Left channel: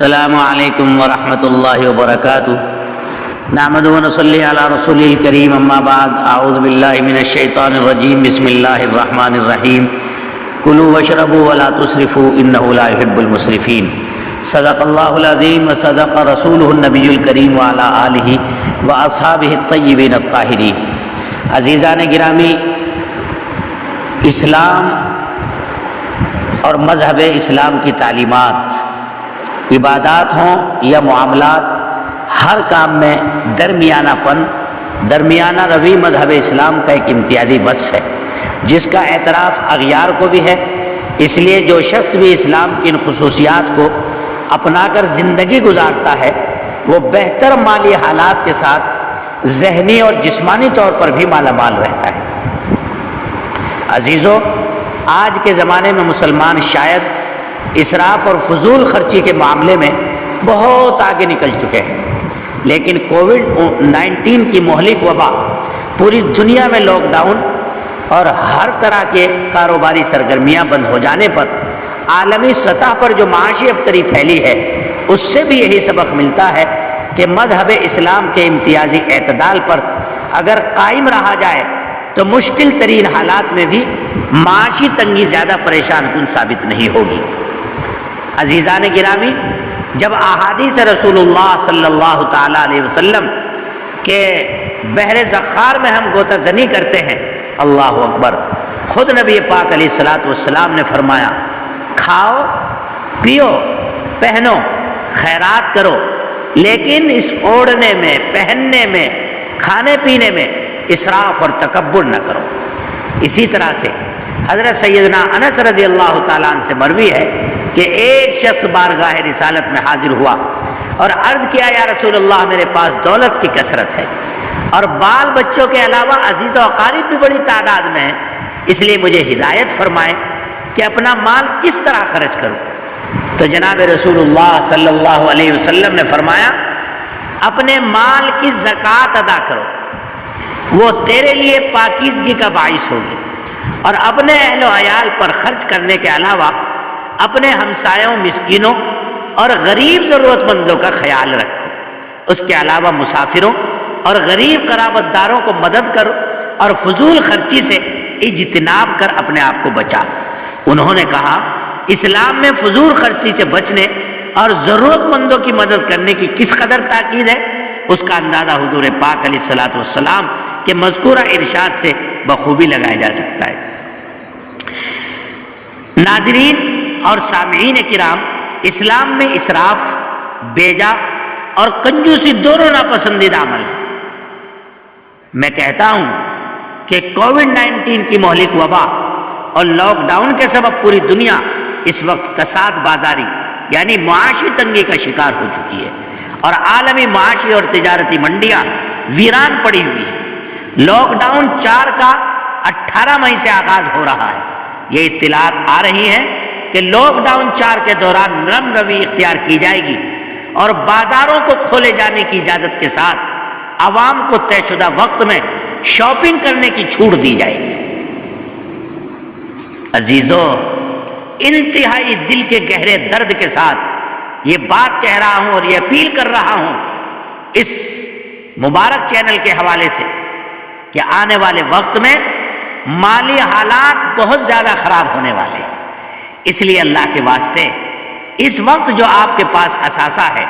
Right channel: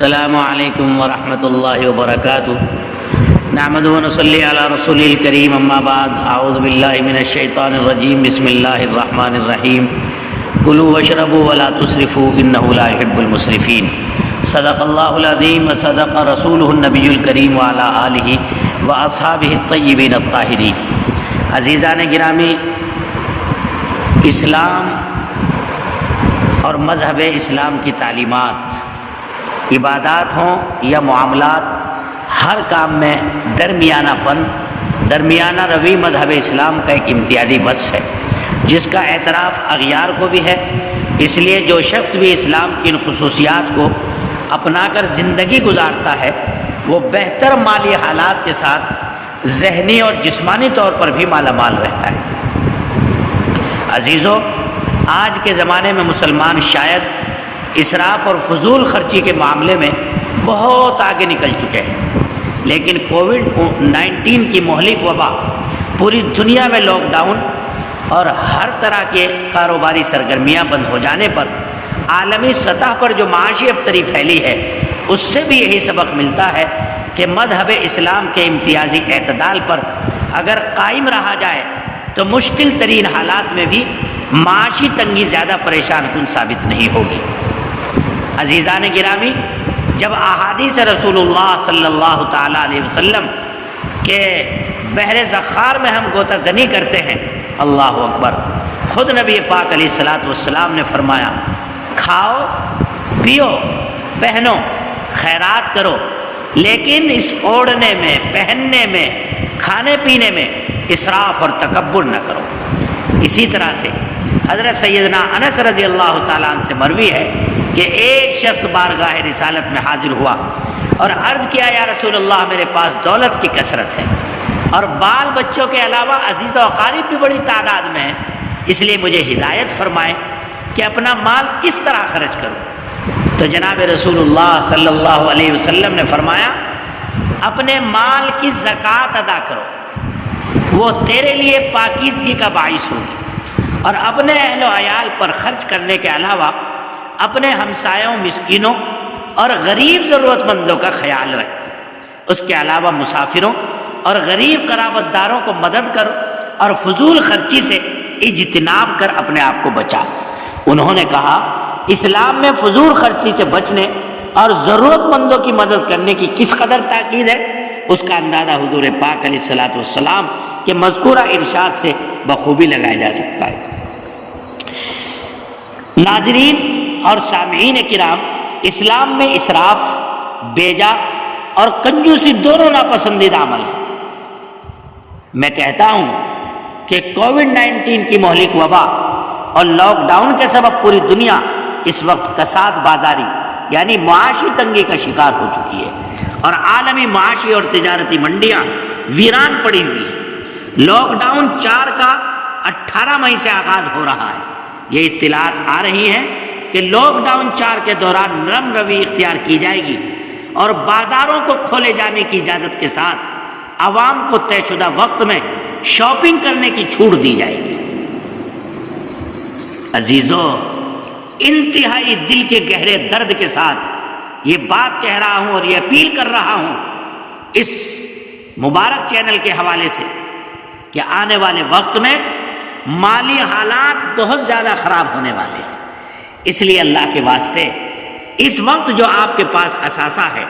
السلام علیکم ورحمۃ اللہ وبرکاتہ نحمده ونصلی علی رسول الکریم اما بعد اعوذ باللہ من الشیطان الرجیم بسم اللہ الرحمن الرحیم کلوا واشربوا ولا تسرفوا انه لا يحب المسرفین صدق اللہ العظیم وصدق رسولہ النبی الکریم وعلی آلہ واصحابہ الطیبین الطاہرین۔ عزیزان گرامی، اسلام اور مذہب اسلام کی تعلیمات، عبادات ہوں یا معاملات، ہر کام میں درمیانہ روی مذہب اسلام کا ایک امتیازی وصف ہے جس کا اعتراف اغیار کو بھی ہے۔ اس لیے جو شخص بھی اسلام کی ان خصوصیات کو اپنا کر زندگی گزارتا ہے وہ بہتر مالی حالات کے ساتھ ذہنی اور جسمانی طور پر بھی مالا مال رہتا ہے۔ عزیزو، آج کے زمانے میں مسلمان شاید اسراف اور فضول خرچی کے معاملے میں بہت آگے نکل چکے ہیں، لیکن کووڈ-19 کی مہلک وبا، پوری دنیا میں لاک ڈاؤن اور ہر طرح کے کاروباری سرگرمیاں بند ہو جانے پر عالمی سطح پر جو معاشی ابتری پھیلی ہے، اس سے بھی یہی سبق ملتا ہے کہ مذہب اسلام کے امتیازی اعتدال پر اگر قائم رہا جائے تو مشکل ترین حالات میں بھی معاشی تنگی زیادہ پریشان کن ثابت نہیں ہوگی۔ عزیزان گرامی، جب احادیث رسول اللہ صلی اللہ تعالیٰ علیہ وسلم کے بحر زخار میں ہم غوطہ زنی کرتے ہیں، اللہ اکبر، خود نبی پاک علیہ الصلوۃ والسلام نے فرمایا، کھاؤ، پیو، پہنو، خیرات کرو، لیکن اس اوڑھنے میں، پہننے میں، کھانے پینے میں اسراف اور تکبر نہ کرو۔ اسی طرح سے حضرت سیدنا انس رضی اللہ تعالیٰ عنہ سے مروی ہے کہ ایک شخص بارگاہ رسالت میں حاضر ہوا اور عرض کیا، یا رسول اللہ، میرے پاس دولت کی کثرت ہے اور بال بچوں کے علاوہ عزیز و اقارب بھی بڑی تعداد میں ہیں، اس لیے مجھے ہدایت فرمائیں کہ اپنا مال کس طرح خرچ کروں۔ تو جناب رسول اللہ صلی اللہ علیہ وسلم نے فرمایا، اپنے مال کی زکوٰۃ ادا کرو، وہ تیرے لیے پاکیزگی کا باعث ہوگی، اور اپنے اہل و عیال پر خرچ کرنے کے علاوہ اپنے ہمسایوں، مسکینوں اور غریب ضرورت مندوں کا خیال رکھو، اس کے علاوہ مسافروں اور غریب قرابت داروں کو مدد کرو، اور فضول خرچی سے اجتناب کر اپنے آپ کو بچا۔ انہوں نے کہا، اسلام میں فضول خرچی سے بچنے اور ضرورت مندوں کی مدد کرنے کی کس قدر تاکید ہے، اس کا اندازہ حضور پاک علیہ الصلوۃ والسلام کے مذکورہ ارشاد سے بخوبی لگایا جا سکتا ہے۔ ناظرین اور سامعین کرام، اسلام میں اسراف، بیجا اور کنجوسی دونوں ناپسندیدہ عمل ہیں۔ میں کہتا ہوں کہ کووڈ-19 کی مہلک وبا اور لاک ڈاؤن کے سبب پوری دنیا اس وقت کساد بازاری یعنی معاشی تنگی کا شکار ہو چکی ہے، اور عالمی معاشی اور تجارتی منڈیاں ویران پڑی ہوئی ہیں۔ لاک ڈاؤن 4 کا 18 مئی سے آغاز ہو رہا ہے۔ یہ اطلاعات آ رہی ہیں کہ لاک ڈاؤن 4 کے دوران نرم روی اختیار کی جائے گی اور بازاروں کو کھولے جانے کی اجازت کے ساتھ عوام کو طے شدہ وقت میں شاپنگ کرنے کی چھوٹ دی جائے گی۔ عزیزو، انتہائی دل کے گہرے درد کے ساتھ یہ بات کہہ رہا ہوں اور یہ اپیل کر رہا ہوں اس مبارک چینل کے حوالے سے کہ آنے والے وقت میں مالی حالات بہت زیادہ خراب ہونے والے ہیں۔ اس لیے اللہ کے واسطے اس وقت جو آپ کے پاس اثاثہ ہے،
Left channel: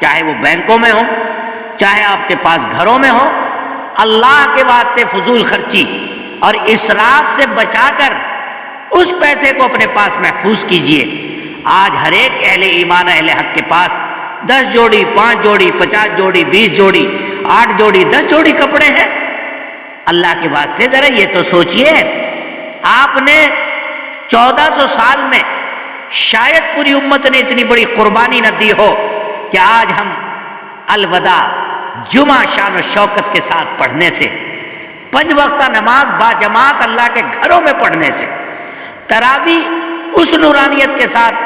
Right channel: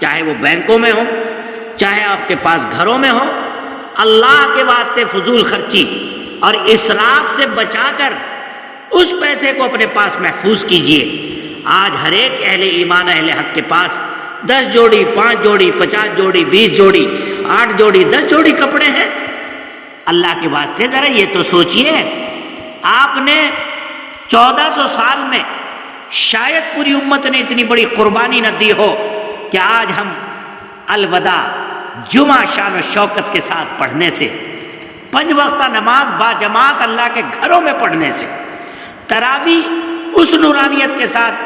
چاہے وہ بینکوں میں ہو، چاہے آپ کے پاس گھروں میں ہو، اللہ کے واسطے فضول خرچی اور اسراف سے بچا کر اس پیسے کو اپنے پاس محفوظ کیجئے۔ آج ہر ایک اہل ایمان، اہل حق کے پاس 10 جوڑی، 5 جوڑی، 50 جوڑی، 20 جوڑی، 8 جوڑی، 10 جوڑی کپڑے ہیں۔ اللہ کے واسطے ذرا یہ تو سوچئے، آپ نے 1400 سال میں شاید پوری امت نے اتنی بڑی قربانی نہ دی ہو کہ آج ہم الوداع جمعہ شان و شوکت کے ساتھ پڑھنے سے، 5 وقتہ نماز با جماعت اللہ کے گھروں میں پڑھنے سے، تراویح اس نورانیت کے ساتھ،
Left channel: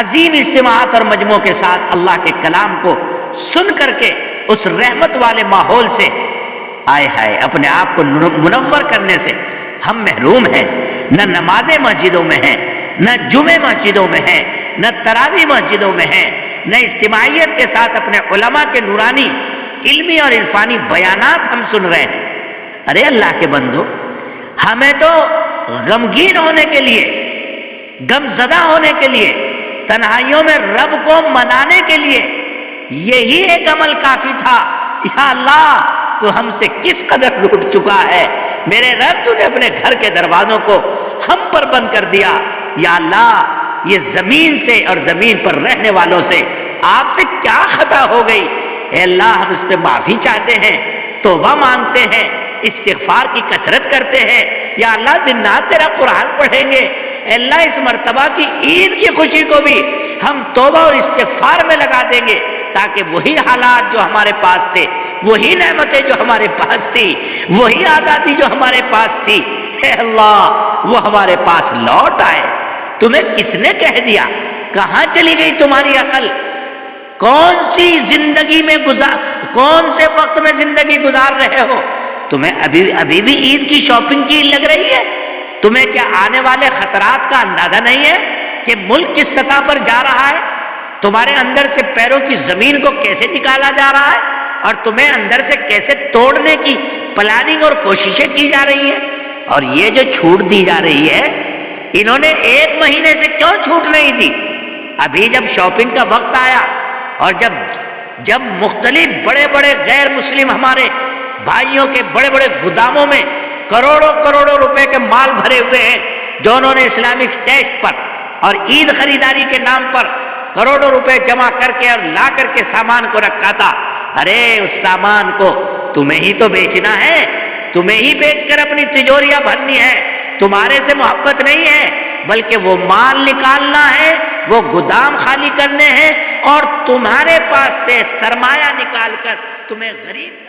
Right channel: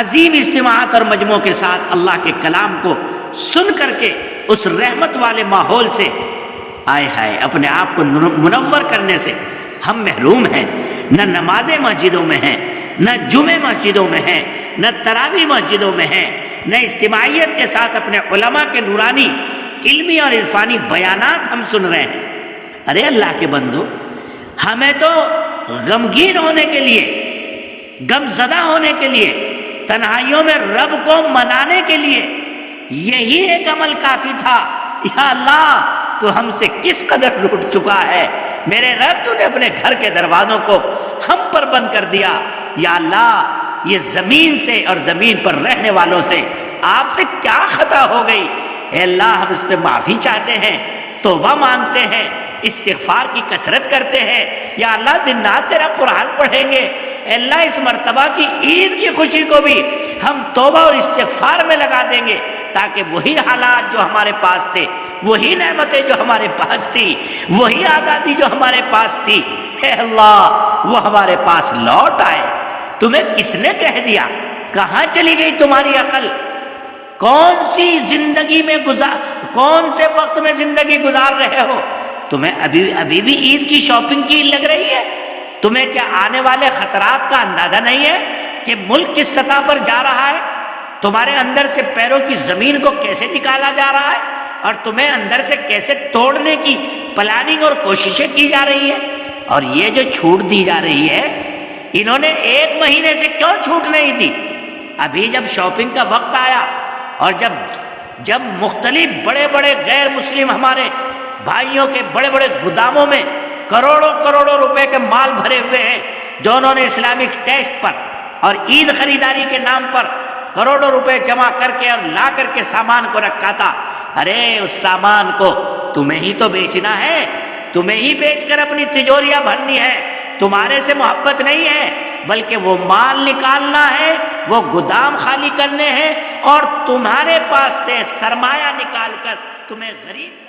عظیم اجتماعات اور مجموعوں کے ساتھ اللہ کے کلام کو سن کر کے اس رحمت والے ماحول سے آئے ہائے اپنے آپ کو منور کرنے سے ہم محروم ہیں۔ نہ نمازیں مسجدوں میں ہیں، نہ جمعے مسجدوں میں ہیں، نہ تراویح مسجدوں میں ہیں، نہ اجتماعیت کے ساتھ اپنے علماء کے نورانی علمی اور عرفانی بیانات ہم سن رہے ہیں۔ ارے اللہ کے بندو، ہمیں تو غمگین ہونے کے لیے، غم زدہ ہونے کے لیے، تنہائیوں میں رب کو منانے کے لیے یہی ایک عمل کافی تھا۔ یا اللہ، تو ہم سے کس قدر لوٹ چکا ہے میرے رب، تو نے اپنے گھر کے دروازوں کو ہم پر بند کر دیا۔ یا اللہ، یہ زمین سے اور زمین پر رہنے والوں سے آپ سے کیا خطا ہو گئی؟ اے اللہ، ہم اس پہ معافی چاہتے ہیں، توبہ مانگتے ہیں، استغفار کی کثرت کرتے ہیں۔ یا اللہ، دن رات تیرا قرآن پڑھیں گے۔ اے اللہ، اس مرتبہ کی عید کی خوشی کو بھی ہم توبہ اور استغفار میں لگا دیں گے، تاکہ وہی حالات جو ہمارے پاس تھے، وہی نعمتیں جو ہمارے پاس تھی، وہی آزادی جو ہمارے پاس تھی، اے اللہ، وہ ہمارے پاس لوٹ آئے۔ تمہیں کس نے کہہ دیا؟ کہاں چلی گئی تمہاری عقل؟ کون سی زندگی میں کون سے وقت میں زندگی گزار رہے ہو؟ تمہیں ابھی بھی عید کی شاپنگ کی لگ رہی ہے؟ تمہیں کیا آنے والے خطرات کا اندازہ نہیں ہے کہ ملک کس سطح پر جا رہا ہے؟ تمہارے اندر سے پیروں کی زمین کو کیسے نکالا جا رہا ہے، اور تمہیں اندر سے کیسے توڑنے کی پلاننگ اور کوششیں کی جا رہی ہیں؟ اور یہ جو چھوٹ دی جا رہی ہے، انہوں نے 1 مہینے سے کیوں چھوٹ نہیں دی؟ ابھی جب شاپنگ کا وقت آیا، اور جب مختلف بڑے بڑے غیر مسلم ہمارے بھائیوں کے بڑے بڑے گوداموں میں کروڑوں روپے کے مال بھرے ہوئے ہیں، جو انہوں نے اسلامک ٹیسٹ پر اور عید خریداری کے نام پر کروڑوں روپے جمع کر کے اور لا کر کے سامان کو رکھا تھا، ارے اس سامان کو تمہیں ہی تو بیچنا ہے، تمہیں ہی بیچ کر اپنی تجوریاں بھرنی ہے۔ تمہارے سے محبت نہیں ہے، بلکہ وہ مال نکالنا ہے، وہ گودام خالی کرنے ہیں، اور تمہارے پاس سے سرمایہ نکال کر تمہیں غریب